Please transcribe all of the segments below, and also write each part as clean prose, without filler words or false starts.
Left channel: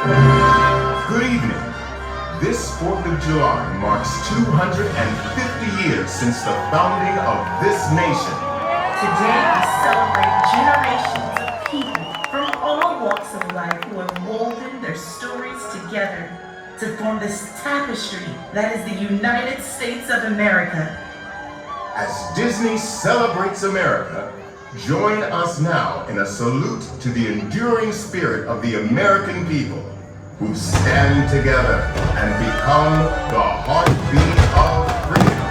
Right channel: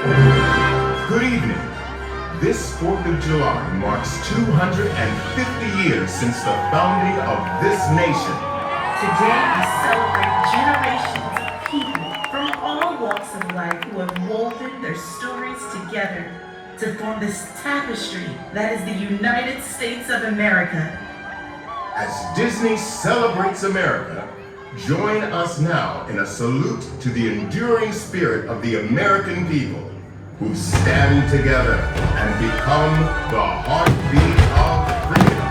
Good evening. This 4th of July marks 250 years since the founding of this nation. Today we celebrate generations of people from all walks of life who have woven their stories together to form this tapestry that is the United States of America. As Disney celebrates America, join us now in a salute to the enduring spirit of the American people who stand together and become the heartbeat of freedom.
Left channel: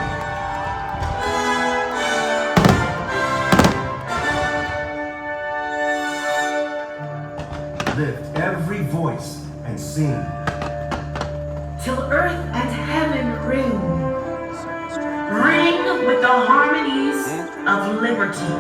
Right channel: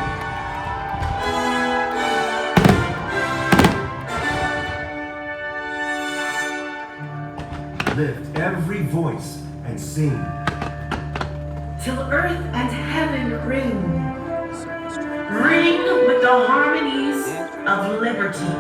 Lift every voice and sing. Till earth and heaven ring. Ring with the harmonies of liberty.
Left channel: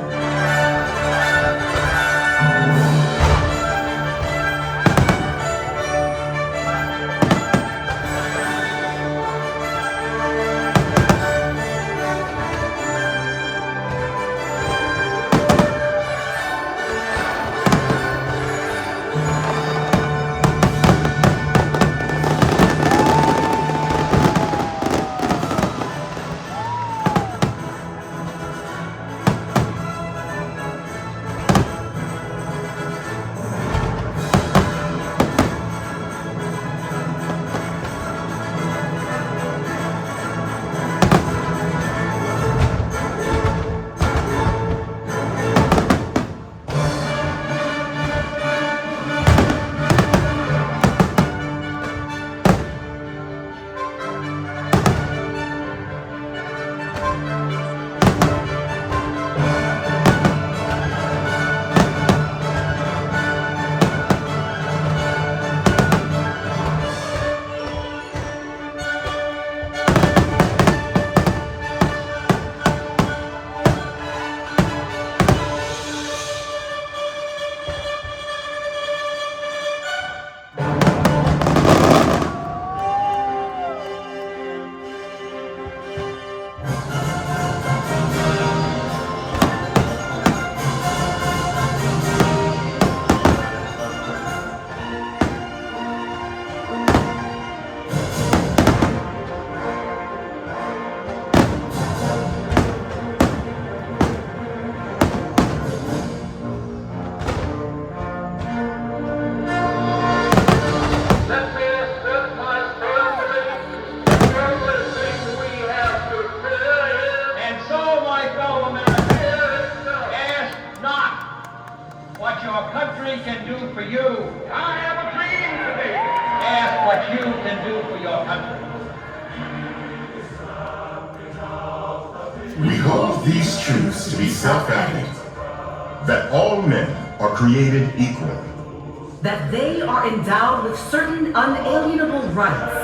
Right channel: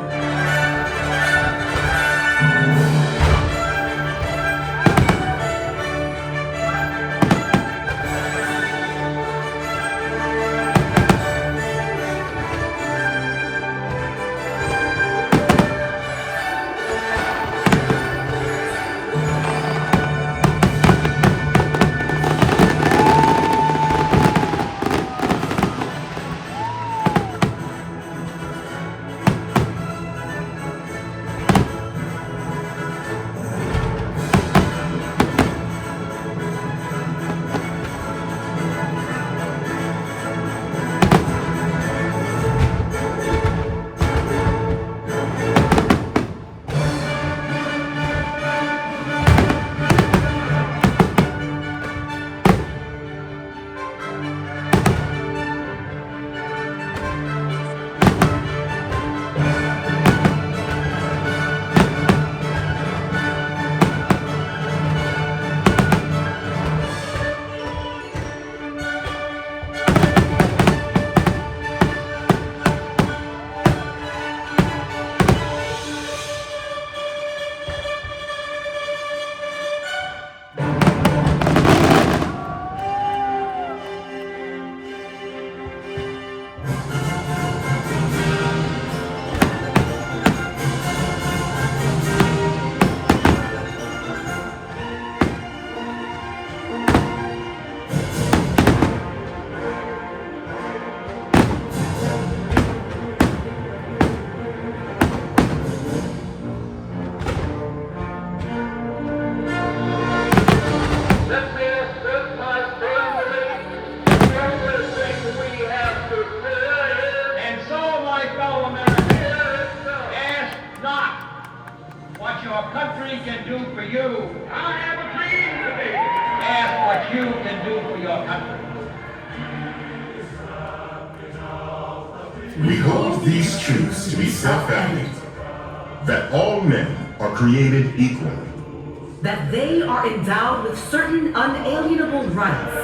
What your country can do for you. I have a dream to be. Ask what you can do for your country. We hold these truths to be self-evident, that all men are created equal, that they are endowed with certain unalienable rights,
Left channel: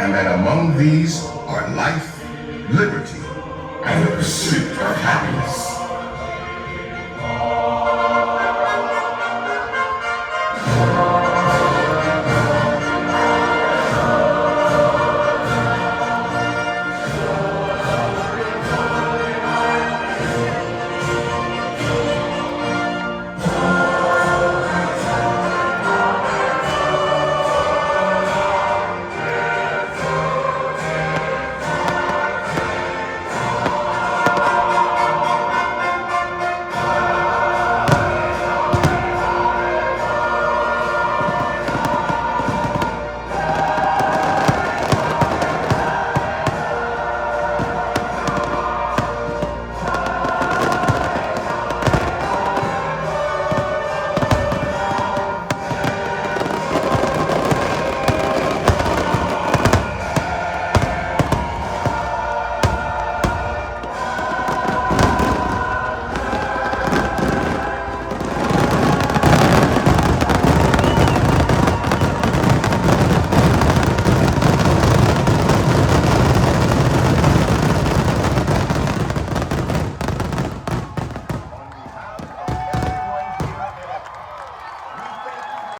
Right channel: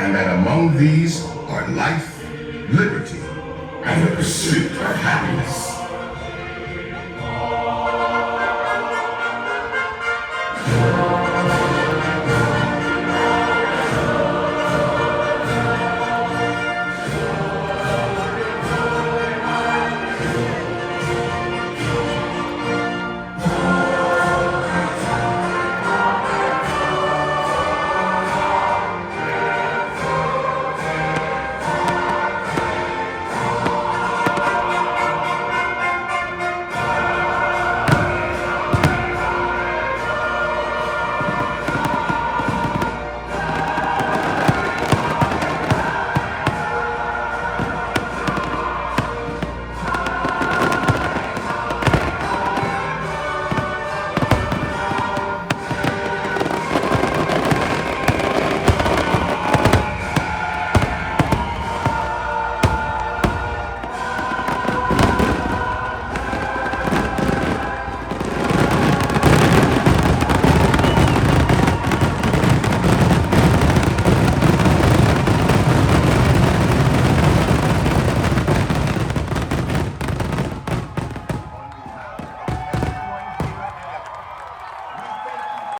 and that among these are life, liberty, and the pursuit of happiness.